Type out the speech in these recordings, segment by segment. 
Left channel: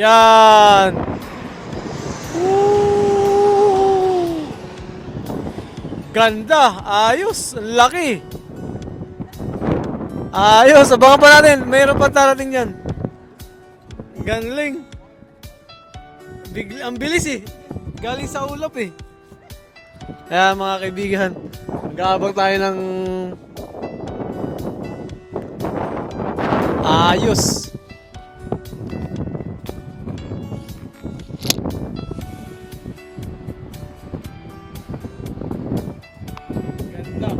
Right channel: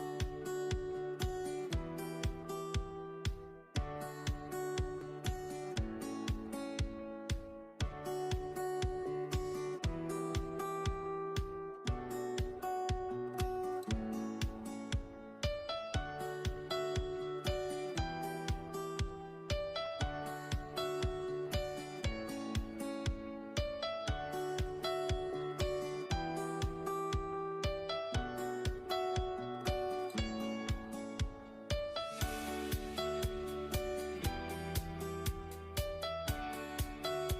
Yan. Woo! Ganda. Ayos. Ang laki. Ayos. Abangan pa natin. Mayroon pa darating yan. Galing. Ang bilis eh. Galing sa ulap eh. Kaya mga kaibigan, mag-aabang tayo ng ayos. Ganda.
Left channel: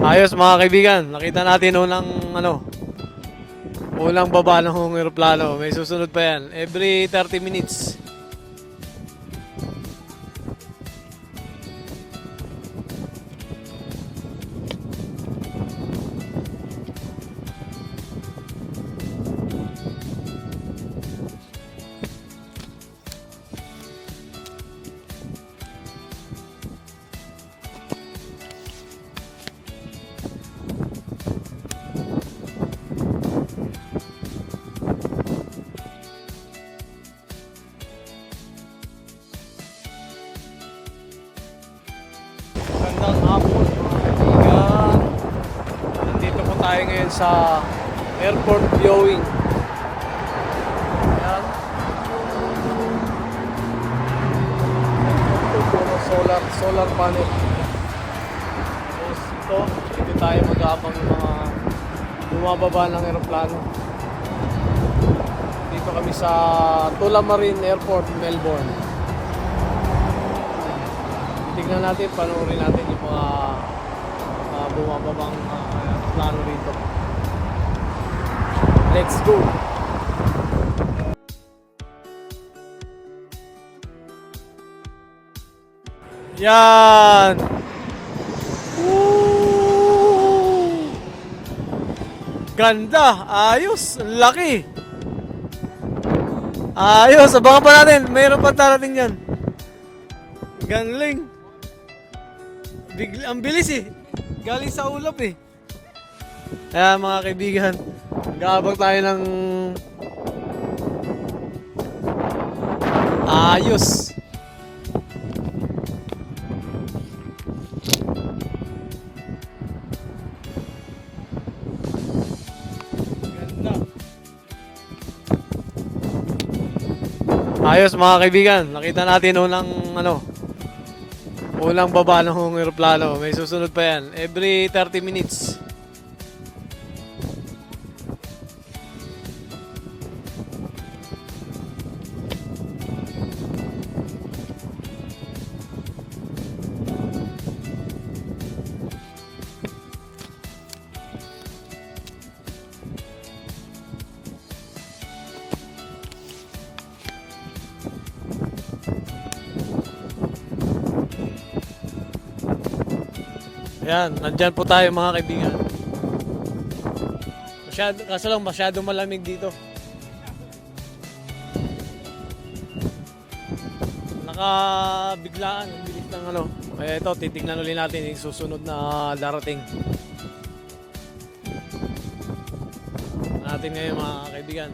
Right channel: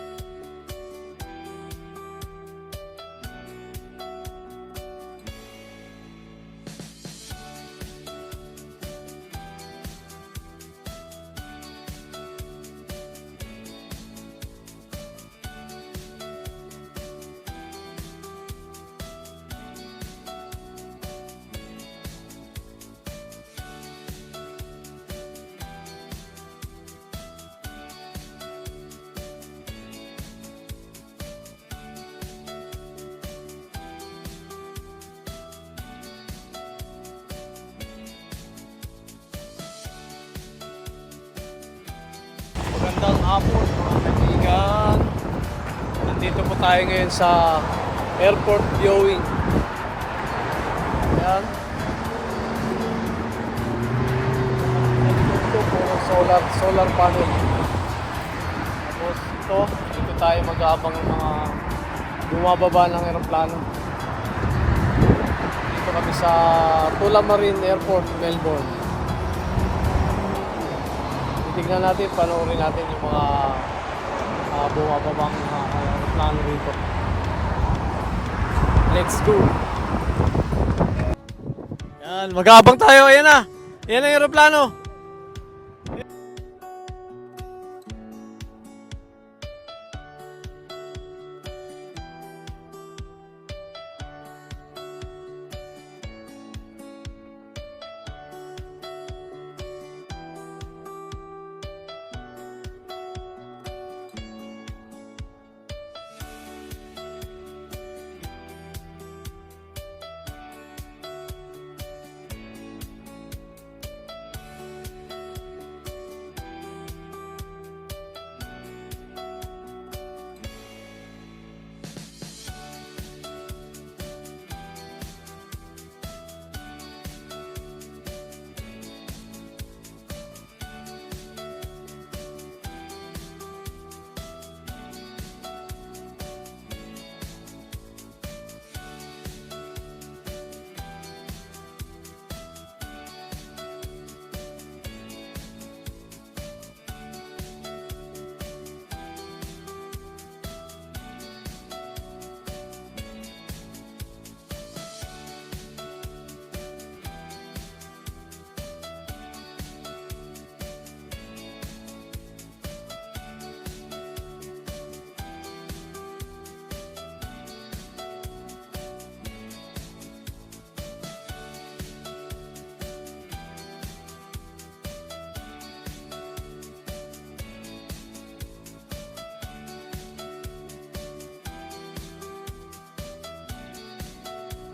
Ayos mga kaibigan, nakita natin unang baba ng eroplano. May susunod pa yan. Every 30 minutes. Magandang hapon mga kaibigan. Nandito po tayo ngayon sa airport viewing. Ayan. Ito puro solar panel. Tapos dito tayo mag-aabang ng mga bumababa ng eroplano. Dito kami sa Tullamarine Airport, Melbourne. Tignan natin, panoorin natin yung mga bumababang aeroplano rito. Let's go! Yan, mag-aabang tayo. Ayan na. Ayan ang aeroplano. Yan. Woo! Ganda. Ayos. Ang laki. Ayos. Abangan pa natin. Mayroon pa darating yan. Galing. Ang bilis eh. Galing sa ulap eh. Kaya mga kaibigan, mag-aabang tayo ng ayos. Ganda. Ayos mga kaibigan, nakita natin unang baba ng eroplano. May susunod pa yan. Every 30 minutes. Ayan, nandyan po tayo mga kaibigan. Kaso lang masyadong malamig dito. Nakabiglaan yung bilis ng ito, titignan ulit natin yung susunod na darating. Natin ngayon mga kaibigan.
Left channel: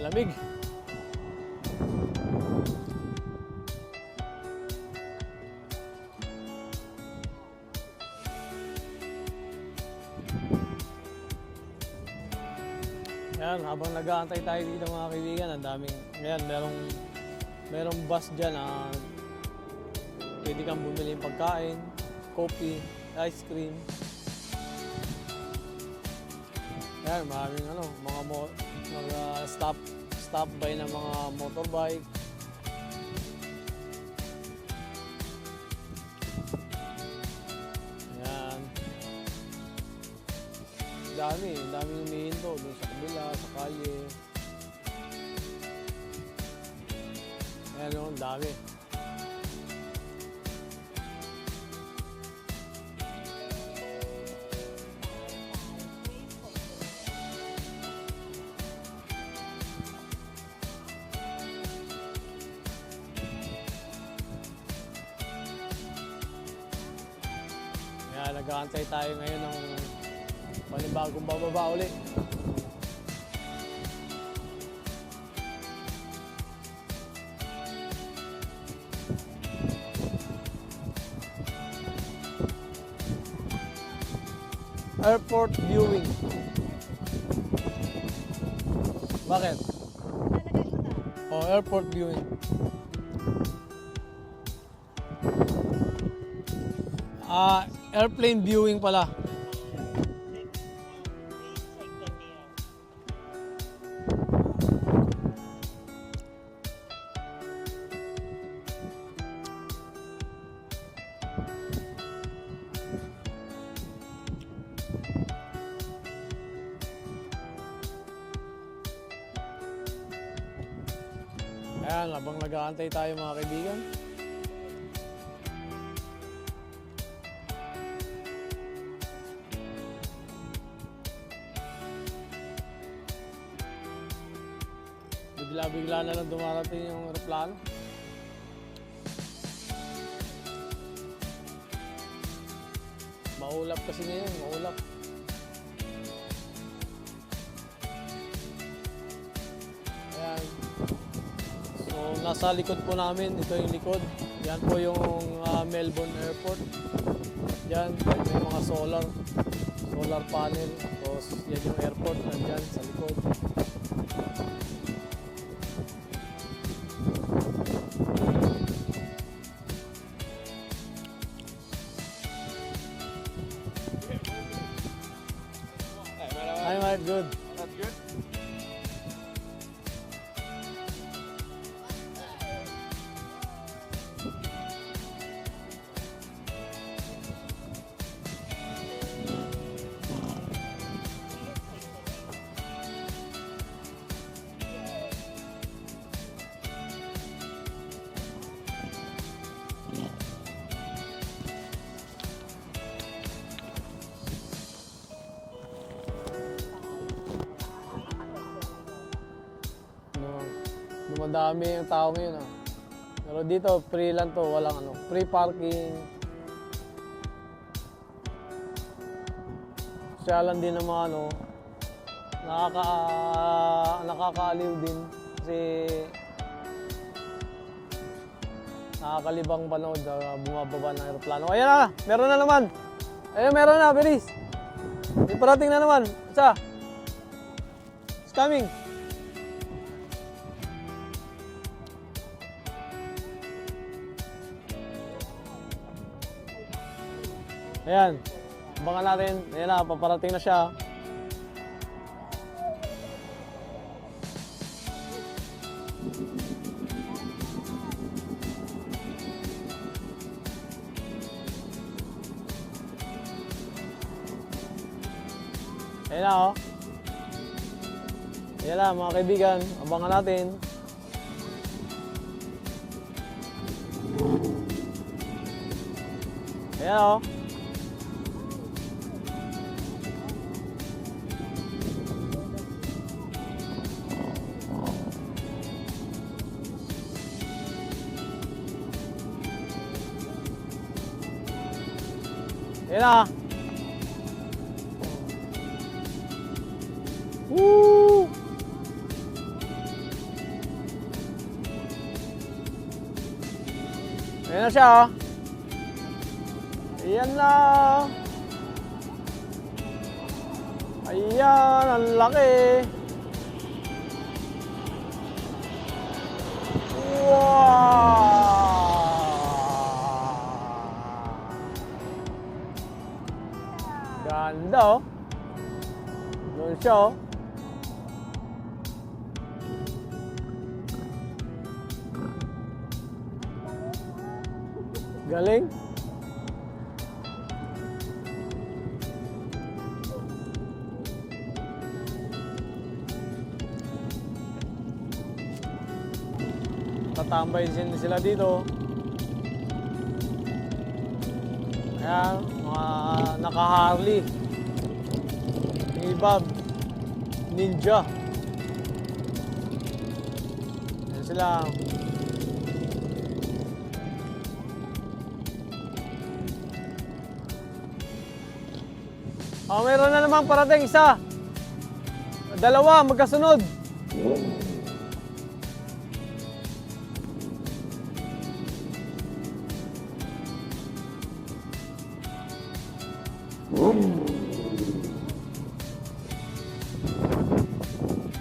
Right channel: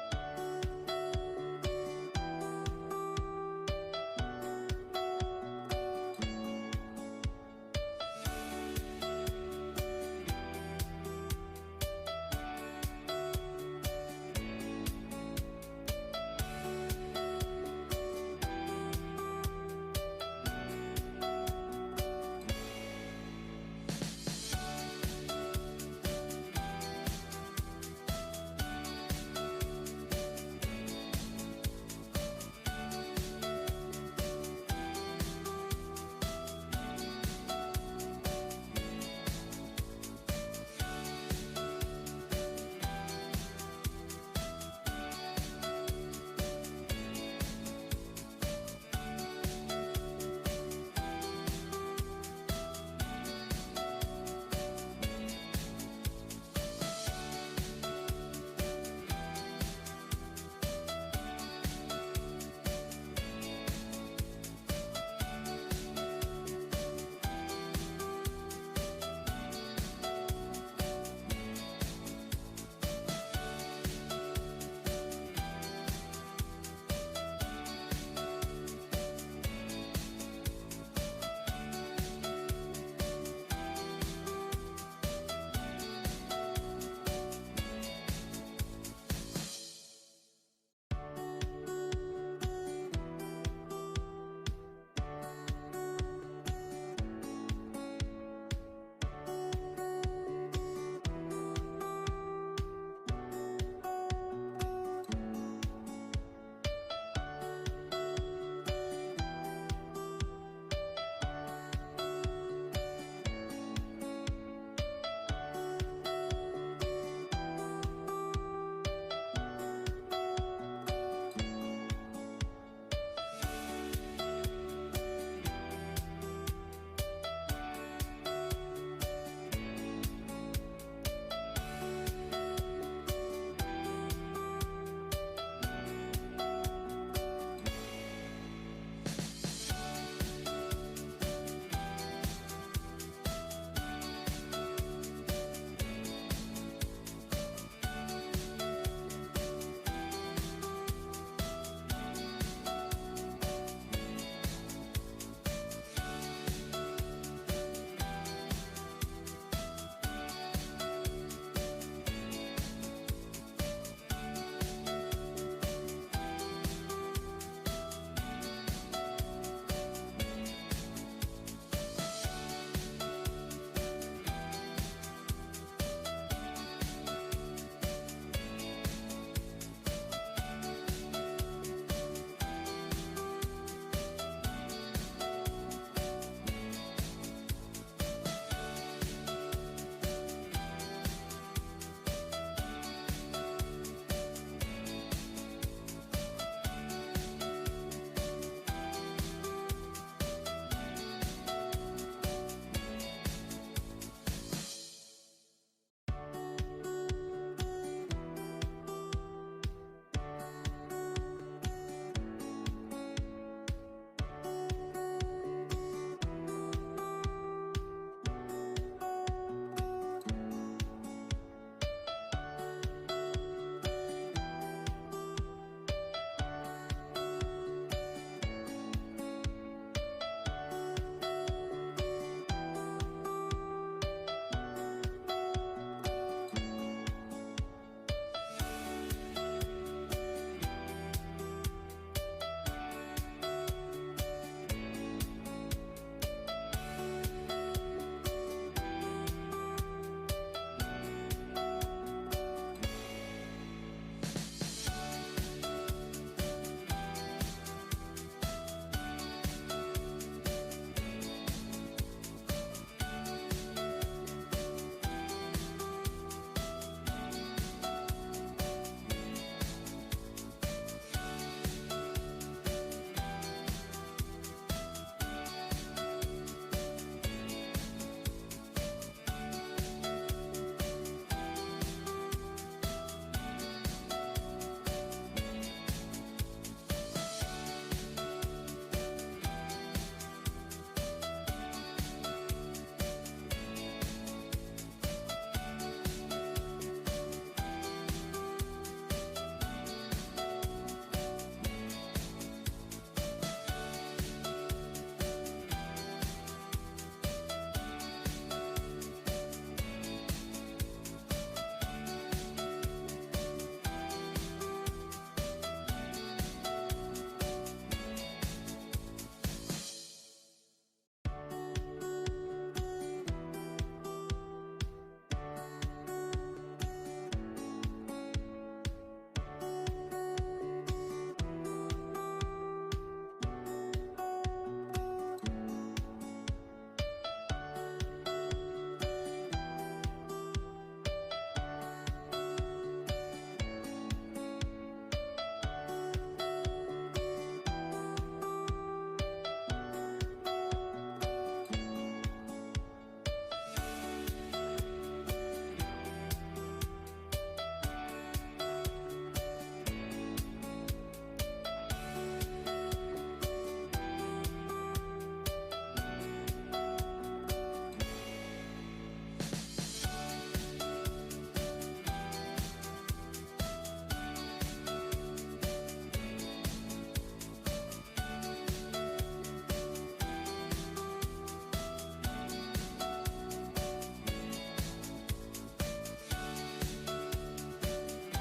Lamig. Yan, habang nag-aantay tayo dito mga kaibigan, ang daming, ayan, merong bus dyan na pwede kang bumili pagkain, coffee, ice cream. Ayan, maraming mga stop by ng mga motorbike. Ayan. Dami umihinto doon sa kabila, sa kalye. tayo ngayon ng panibagong bababa ulit. Airport viewing. Bakit? Oh, airport viewing. Airplane viewing pala. Ayan, habang nag-aantay tayo mga kaibigan. Bigla-bigla na lang dumarating yung aeroplano. Maulap kasi ngayon, maulap. Ayan. So, nasa likod po namin, ito yung likod. Yan po yung Melbourne Airport. Yan, yung mga solar panel. Tapos yan yung airport, nandyan sa likod. Hi, Mike. Good. That's good. Dumadami yung tao ngayon. Pero dito, free lang to. Walang free parking. Kaya lang din naman nakakaaliw din. Kasi nakakalibang panood bumababa ng aeroplano. Ayan na! Meron na naman! Ayan, meron na! Bilis! May parating na naman! Isa! It's coming! Ayan, abangan natin. Ayan na, paparating na siya. Ayan na, oh. Ayan na, mga kaibigan. Abangan natin. Ayan na, oh. Ayan na. Woo! Ayan na siya. Ayan na. Ayan, ang laki. Ganda, oh. Doon siya, oh. Galing. Tatambay sila dito. Ayan, mga naka-Harley. Ibab. Ninja. Ayan sila. naman parating, isa. Dalawa, magkasunod.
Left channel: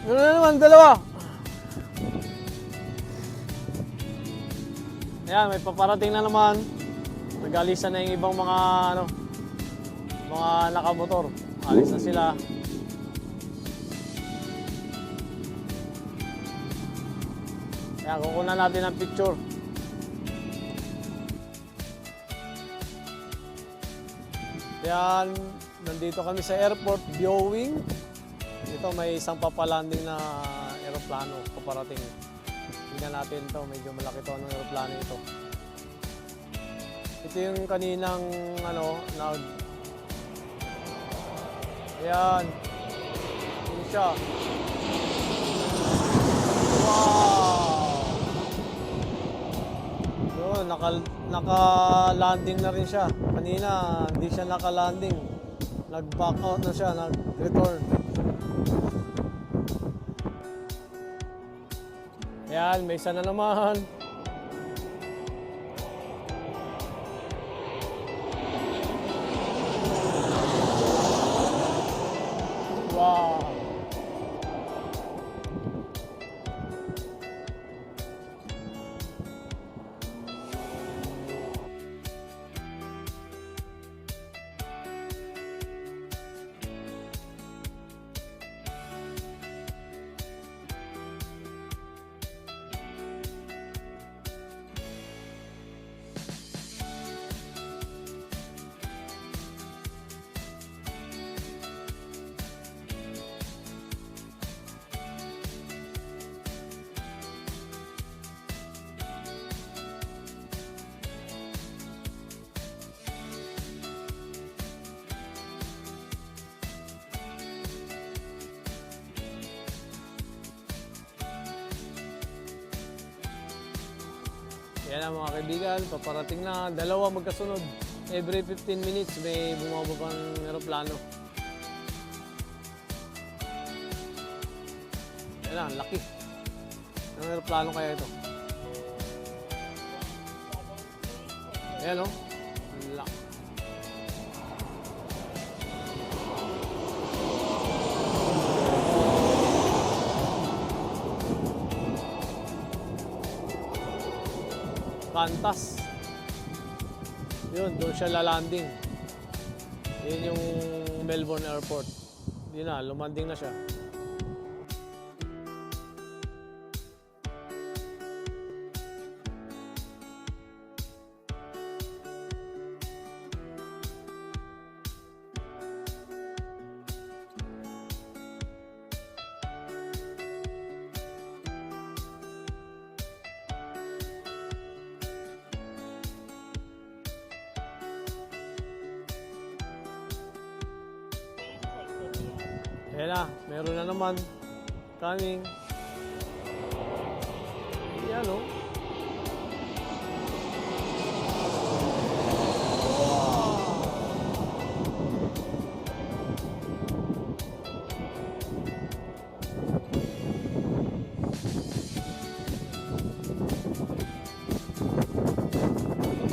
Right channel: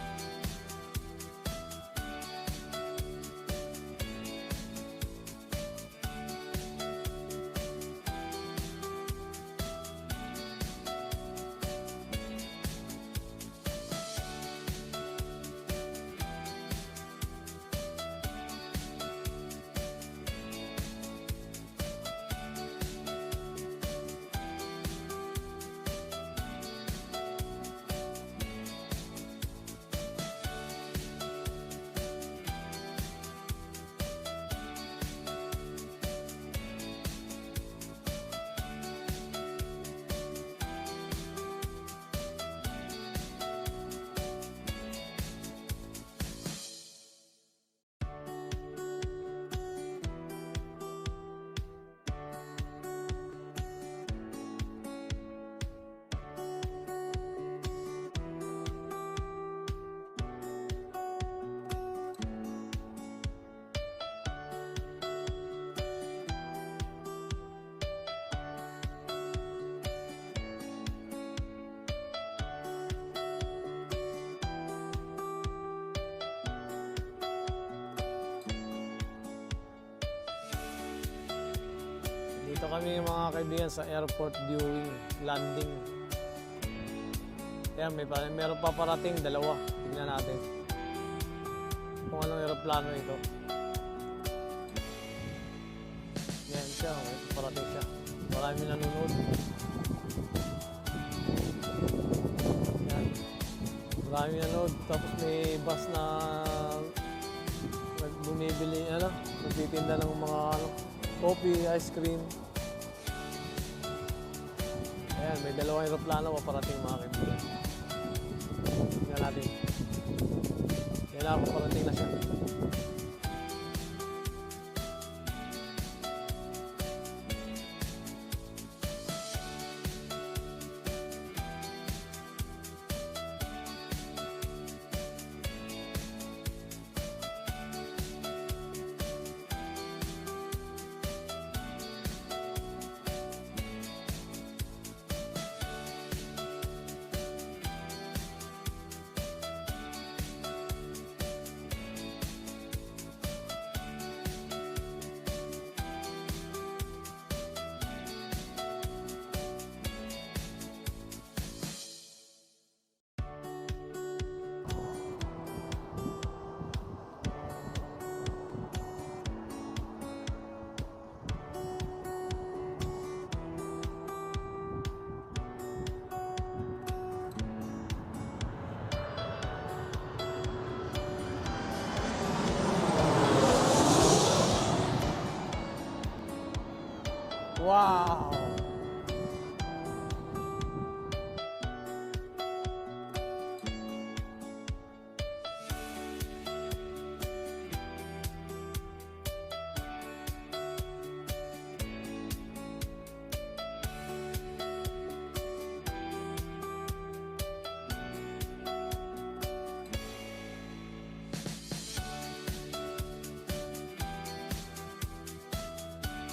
Ano na naman, dalawa. Ayan, may paparating na naman. Nag-alisa na yung ibang mga mga nakamotor. Alis na sila. Ayan, kukunan natin ang picture. Ayan, nandito kami sa airport viewing. Dito may isang papalanding na aeroplano paparating. Tingnan natin ito, medyo malaki ito. Anong aeroplano ito? Ito yung kaninang ayan. Ito siya. Wow! Yun, naka-landing na rin siya. Kanina, hindi siya naka-landing. Nag-back out na siya, nag-return. Ayan, may isa na naman. Wow! Dito kami mga kaibigan sa airport viewing landing. Ayan, meron pa parating, dalawa. Tingnan natin kung anong aeroplano ito. Ayan siya, may parating siya. Marami nanonood. Ayan. Marami nanonood. Tapos may bus na bumibili, nagtitinda ng mga coffee, ice cream. Ayan, may dalawang aeroplano paparating mga kaibigan. Tingnan natin. Yan na, paparating na siya. Yan na mga kaibigan, paparating na. Dalawa magkasunod. Every 15 minutes may bumababang aeroplano. Yan na, laki. Anong aeroplano kaya ito? Ayan o. Laki. Qantas. Yun, doon siya lalanding. Yun yung Melbourne Airport. Yun na, lumanding na siya. Wow! Ayan na, meron na naman. Coming. Ayan o.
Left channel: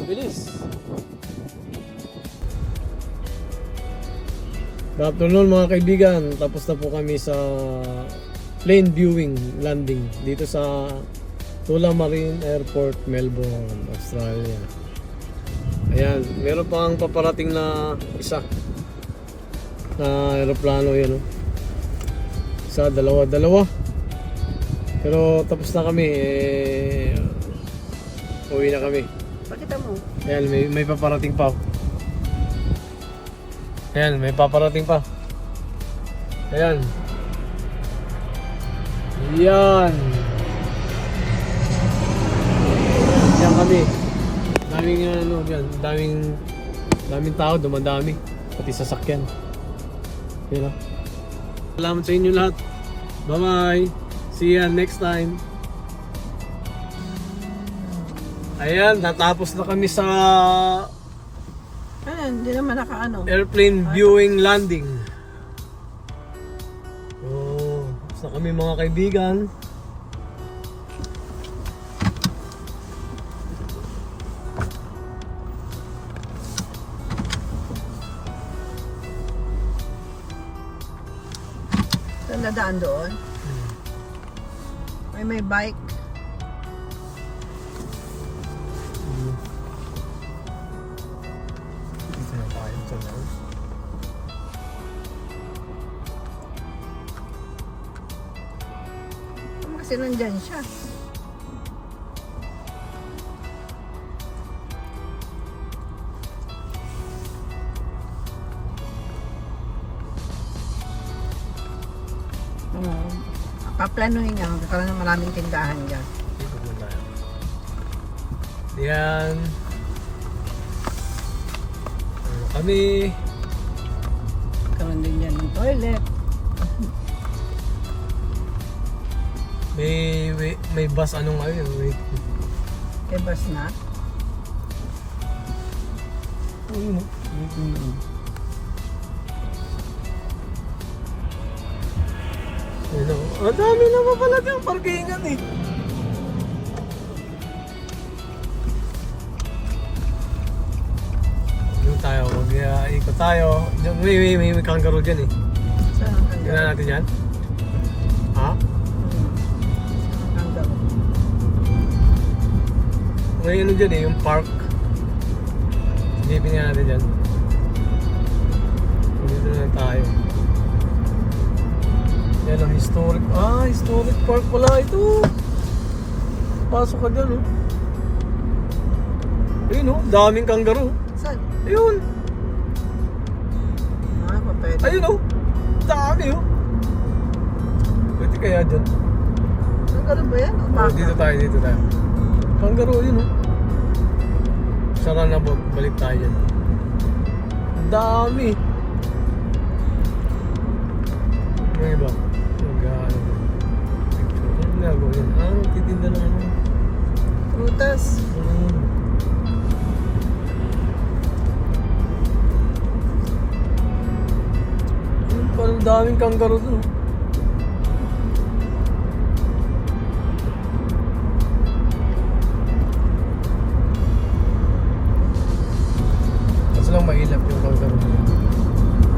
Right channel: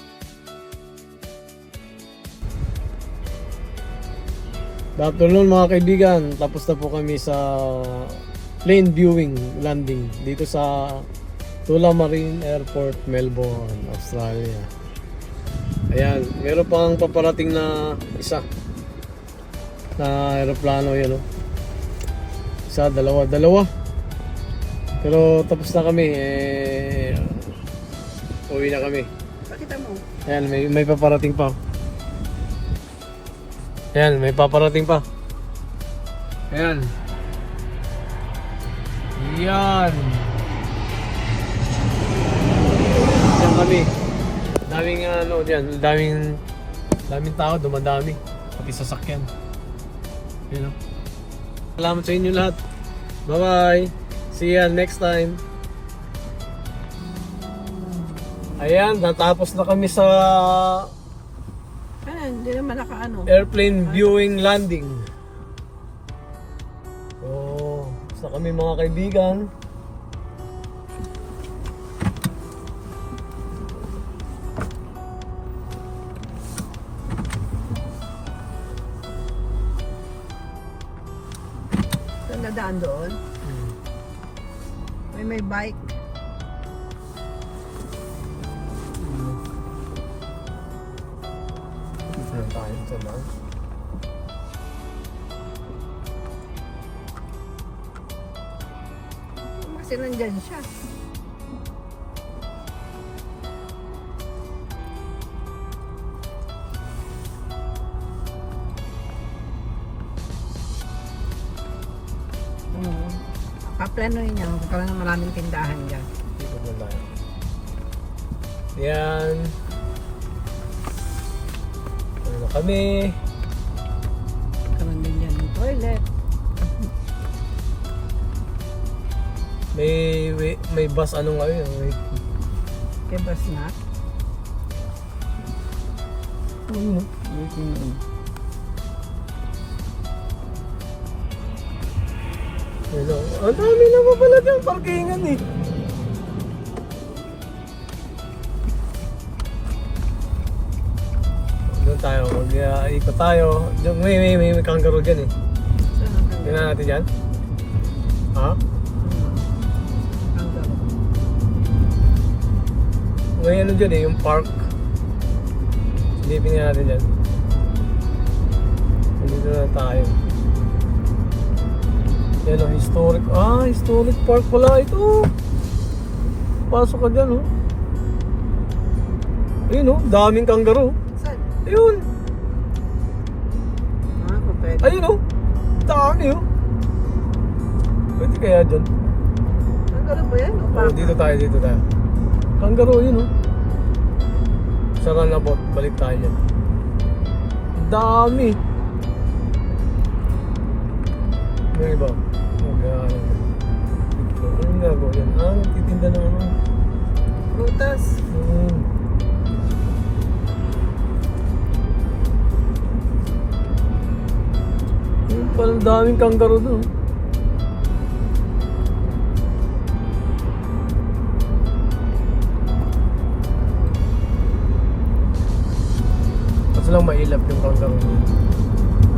Bilis. Good afternoon mga kaibigan, tapos na po kami sa plane viewing landing dito sa Tullamarine Airport, Melbourne, Australia. Ayan, meron pang paparating na isa na aeroplano yun, isa, dalawa. Pero tapos na kami, uwi na kami. Pakita mo. Ayan, may paparating pa. Ayan, may paparating pa. Ayan. Yan. Diyan kami. Daming diyan, daming tao, dumadami. Pati sasakyan. Ayan o. Salamat sa inyo lahat. Bye-bye. See ya next time. Ayan, natapos na kami sa Ano, hindi naman nakaano. airplane viewing landing. na kami mga kaibigan. Saan dadaan doon? May bike. Saan tayo sa daan? Kasi nandyan siya. Paplanuhin niya. Magkakaroon ng maraming tindahan dyan. Ito tayo. Yan. Ano kami? Karoon din yan ng toilet. May bus anong ano yun? May bus na. Ano? Hello. Ang dami naman pala diyang parkingan eh. Doon tayo, mag-ikot tayo. May kangaroo dyan eh. Tingnan natin dyan. Ha? May ano dyan eh, yung park. Silipin natin dyan. Dito na tayo. Yan o, historic. Historic park pala ito. Pasok ka dyan, oh. Ayun, oh. Daming kangaroo. Saan? Ayun. Papayad. Ayun, oh. Dami, oh. Pwede kaya dyan. Kangaroo ba yan? Oh, dito tayo. Kangaroo, yun, oh. Sa runabout, balik tayo dyan. Dami. May iba. Ano nga yan? Titinda na ano. Prutas. Yung pala daming kangaroo dun. Kaso lang mailap yung kangaroo dun.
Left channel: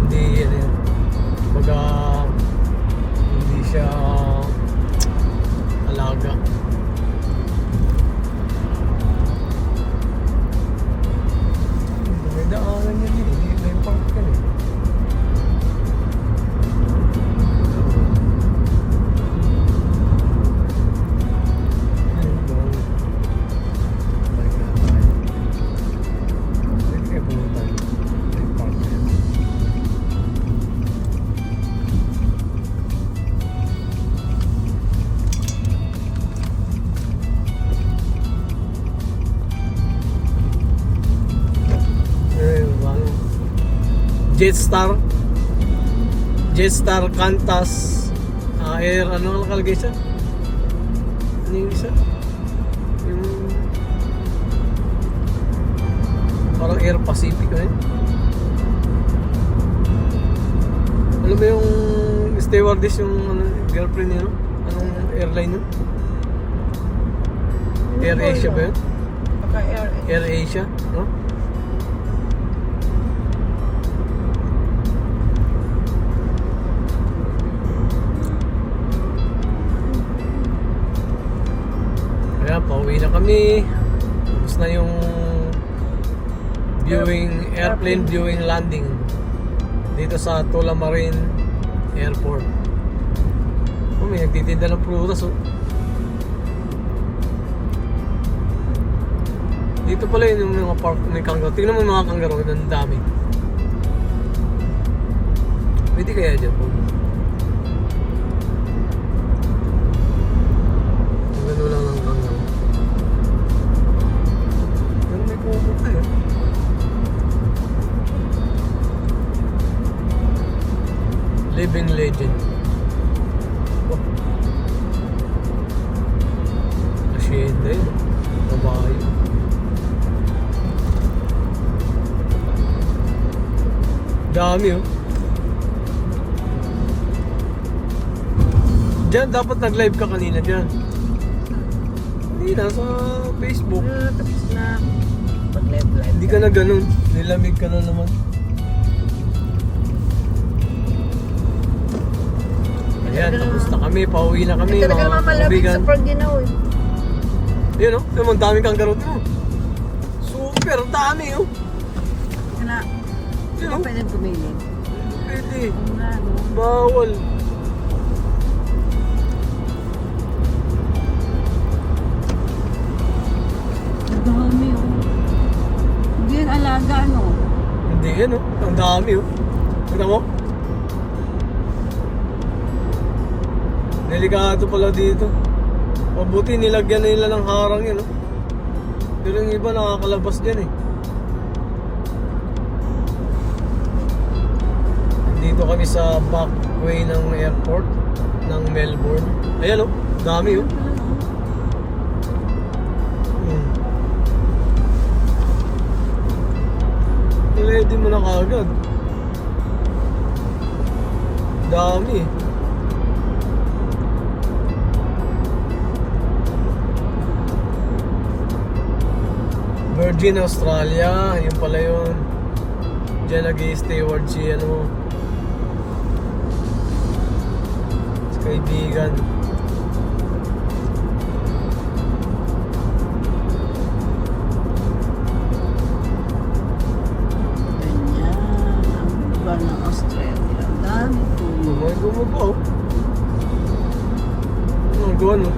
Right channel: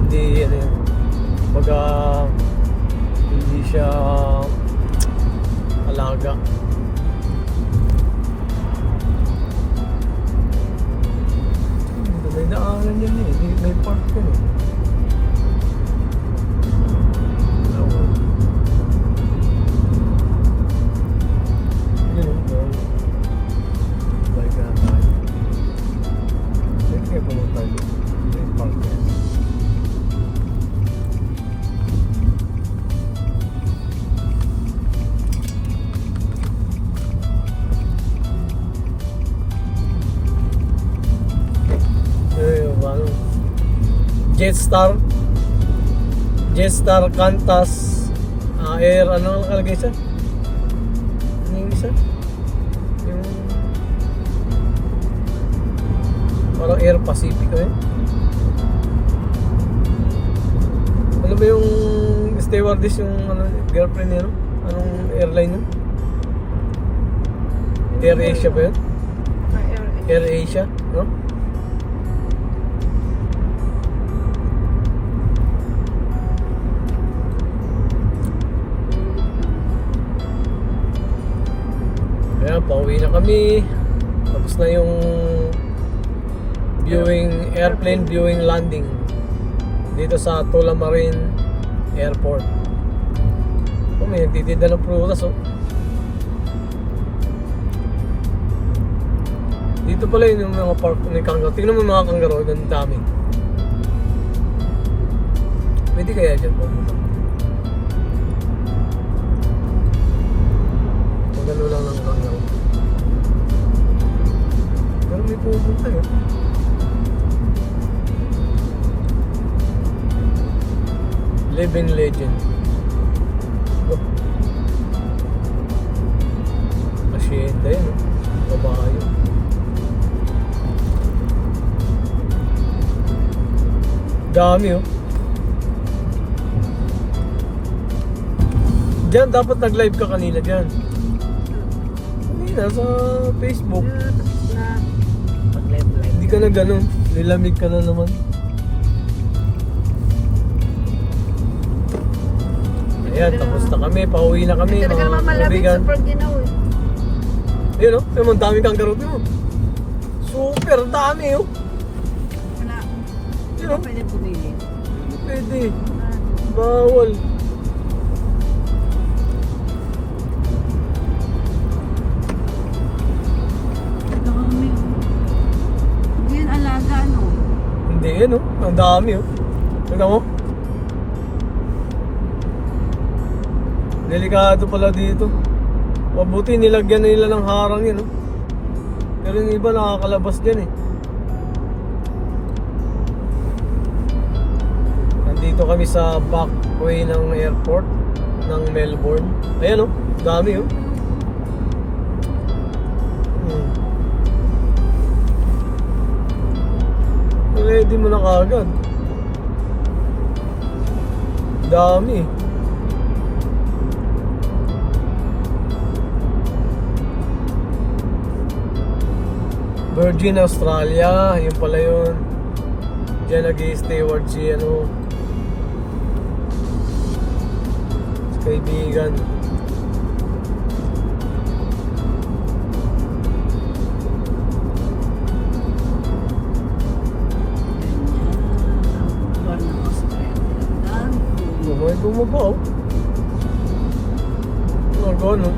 Hindi ano yan. Baga hindi siya alaga. May daanan yan eh. May park yan eh. Jetstar Qantas Air, ano nakalagay siya? Ano yung isa? Yung parang Air Pacific eh. Alam mo yung stewardess yung ano, girlfriend niya, no? Anong airline yun? Air Asia ba yun? Air Asia, no? Ayan, pauwi na kami. Tapos na yung airplane viewing landing dito sa Tullamarine Airport. Oh, may nagtitinda ng prutas, oh. Dito pala yun yung mga park, may kangaroo. Tingnan mo yung mga kangaroo, ang dami. Pwede kaya dyan po? Magano lang ng kangaroo. Pero may pupunta eh. Living legend. Oh. Asyenda yun, babayo. Dami, oh. Diyan, dapat nag-live ka kanina dyan. Kanina sa Facebook. Tapos na. Pag-live. Hindi ka na ganun. Nilamig ka na naman. Ayan, tapos na kami. Pauwi na kami, Talaga mga naman malamig kaibigan. sa Paginaw. Ayun o, oh, ang daming kangkarot mo. Super dami oh. Wala. Ayun oh, Pwede bumili. pwede. Wala. Bawal. Dami oh. Hindi yan alaga no. Hindi yan oh, ang dami oh. Tignan mo. Delikado pala dito. Mabuti nilagyan nila ng harang yan oh. Pero yung iba nakakalabas dyan eh. Dito kami sa back way ng airport ng Melbourne. Ayan oh, dami oh. Ready mo na kagad. Dami. Virgin Australia, yun pala yun. Diyan nag-i-steward si ano, si kaibigan. Bumay bumaba oh. Ang gano'n.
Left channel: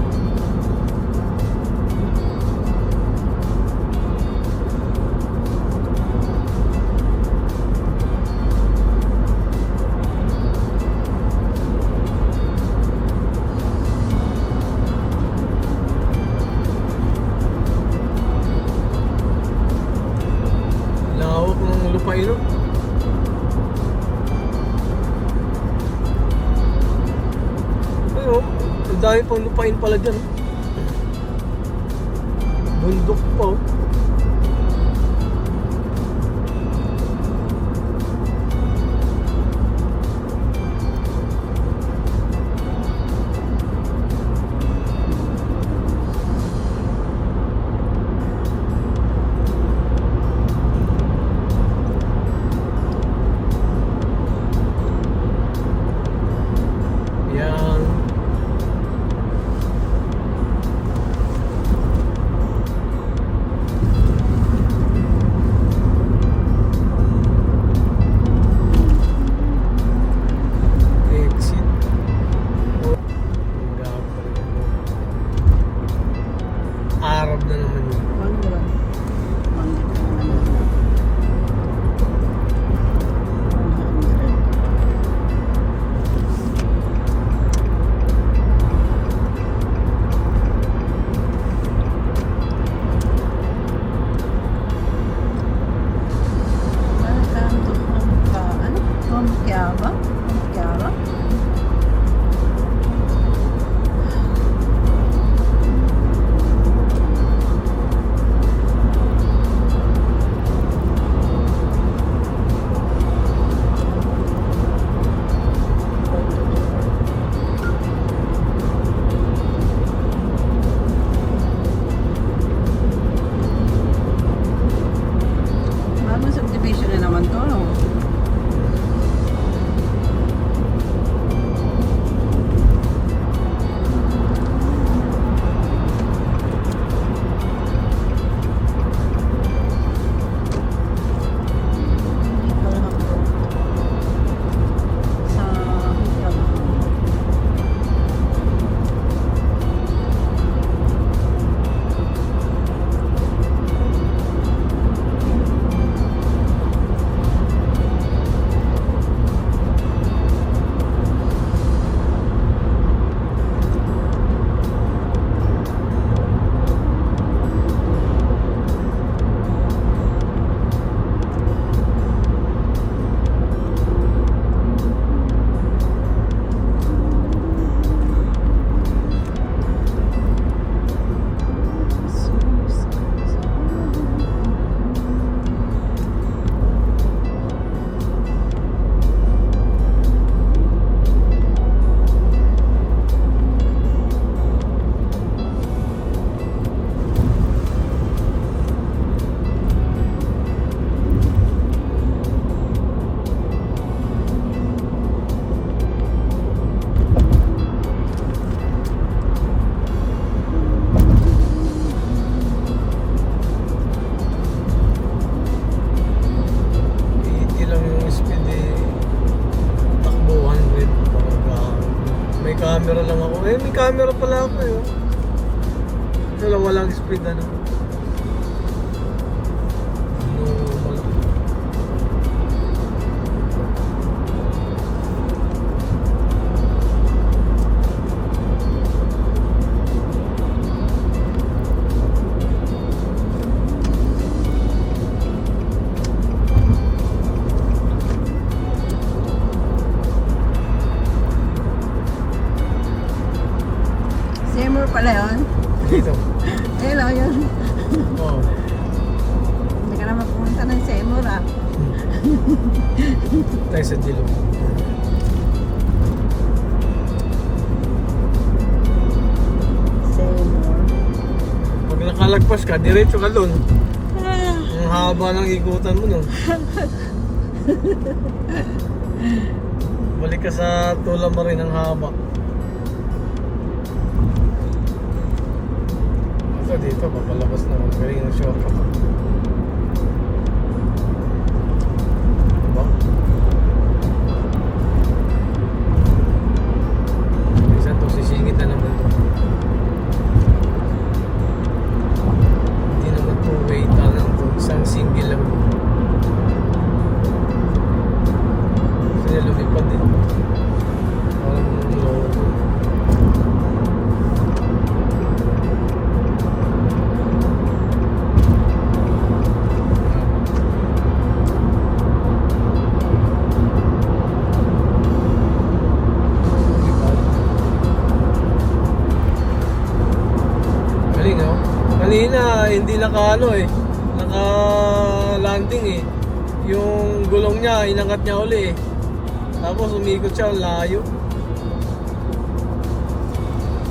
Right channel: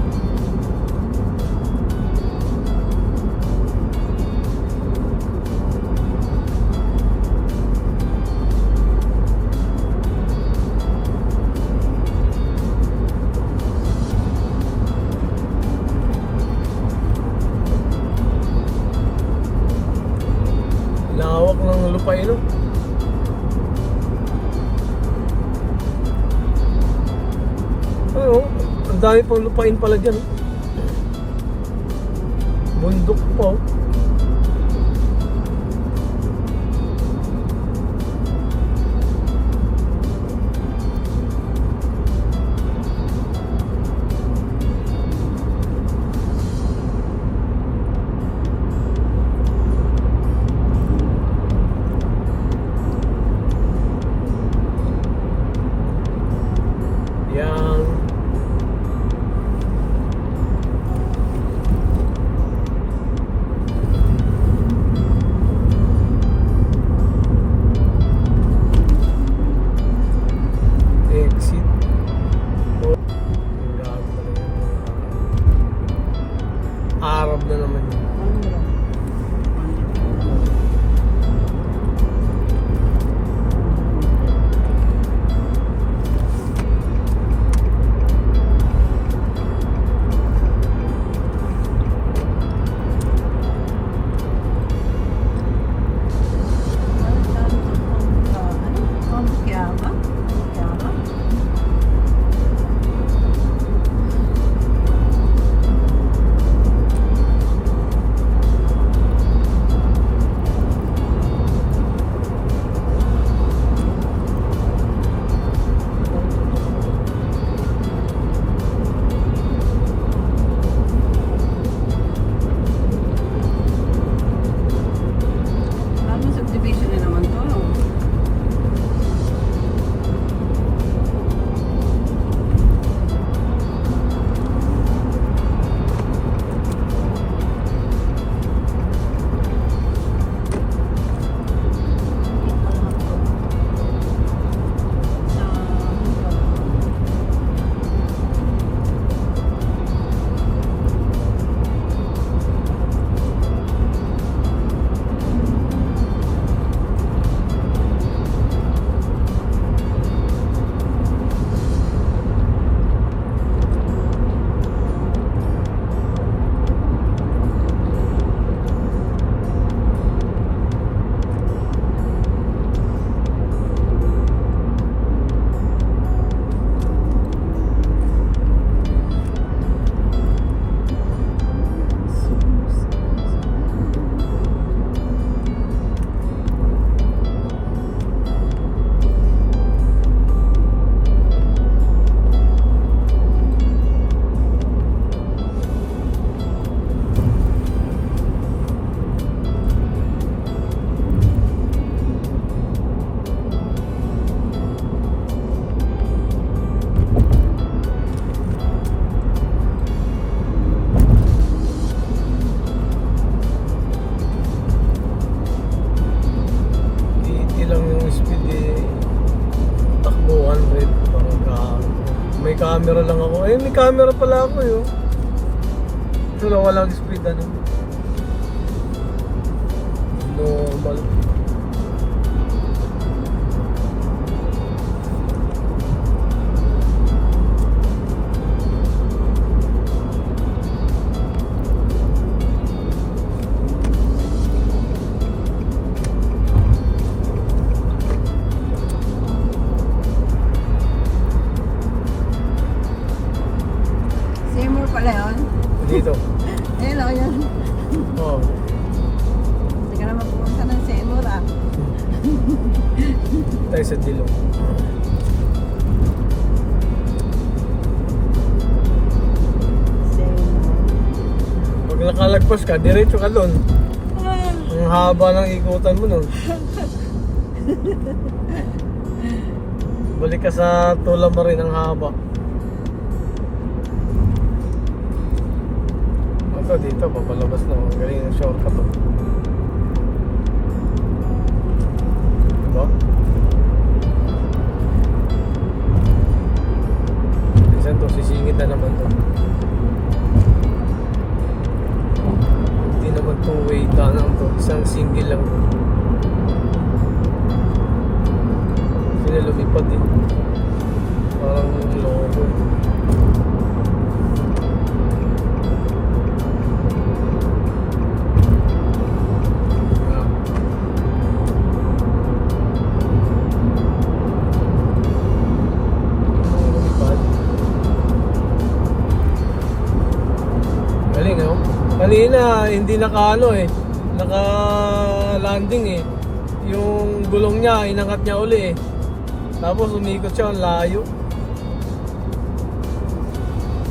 Lawak ng lupain oh. Ano, ang dami pang lupain pala dyan. Bundok pa oh. Yan. Ito lang walang speed ano. Normal. Seymour pala yun. Dito. Kailan yun? Oh. Hindi ka naman pumunta ng Seymour ah. Tayo sa Dilo. Pag nakalagpas ka, diretso ka doon. Ang haba ng ikutan mo nun. Balik ka sa tula mo rin ang haba. Ito dito, papalabas na ang galing ng shortcut to. Diba? Minsan to, sisingit na naman to. Hindi naman two-way tanang to, isang single lang. Kasi niya lumipad din. Parang logo. Galing, no? Kanina, hindi naka-ano eh. Naka-landing eh. Yung gulong niya, inangat niya uli eh. Tapos umikot siya, ang layo.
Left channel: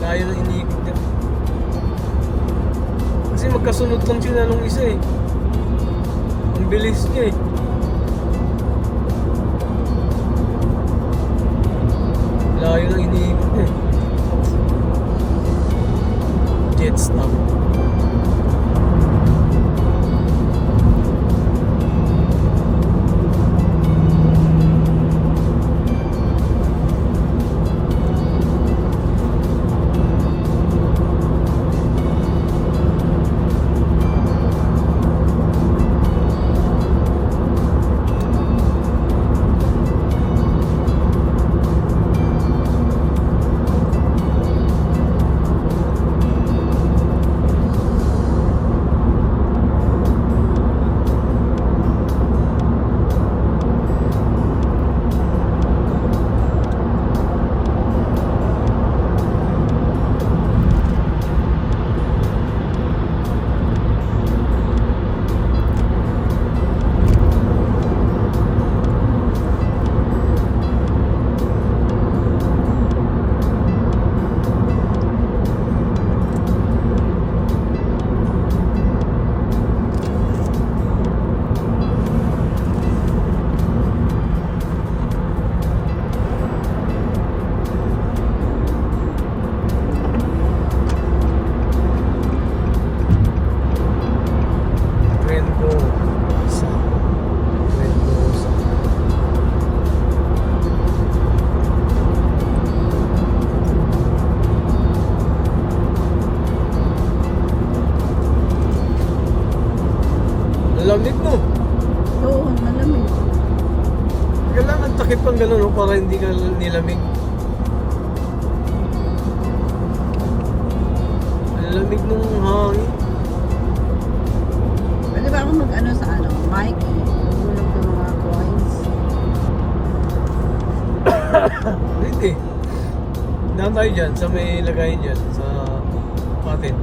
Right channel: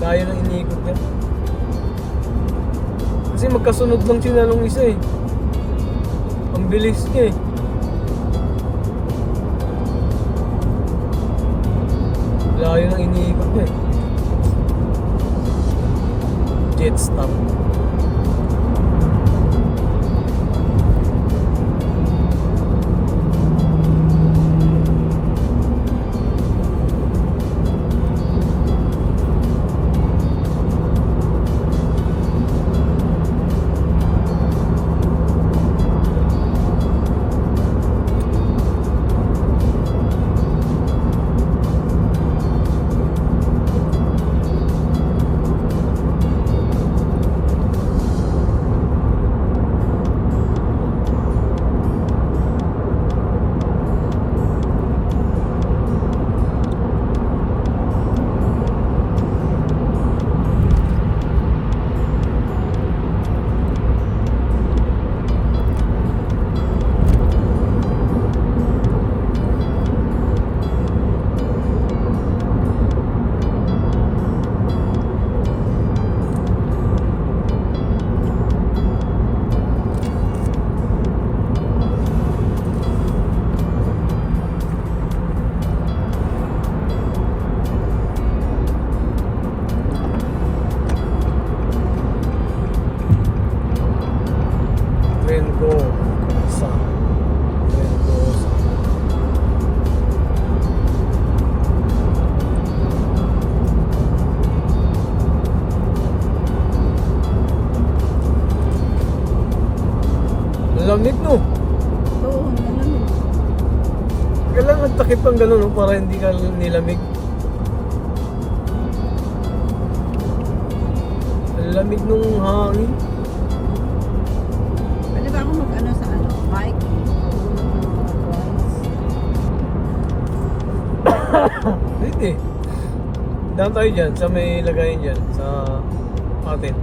Layo ng inikot niya. Kasi magkasunod lang sila nung isa eh. Ang bilis niya eh. Layo ng iniikot niya eh. Jet stop. Lamig no. Oo, naman. Kailangan takip ang gano'n no, para hindi ka nilamig. Ang lamig nung hangin. Pwede ba ako mag-ano sa ano? Mic? Tulog ng mga coins. Pwede. Daan tayo dyan sa may lagayin dyan sa patin.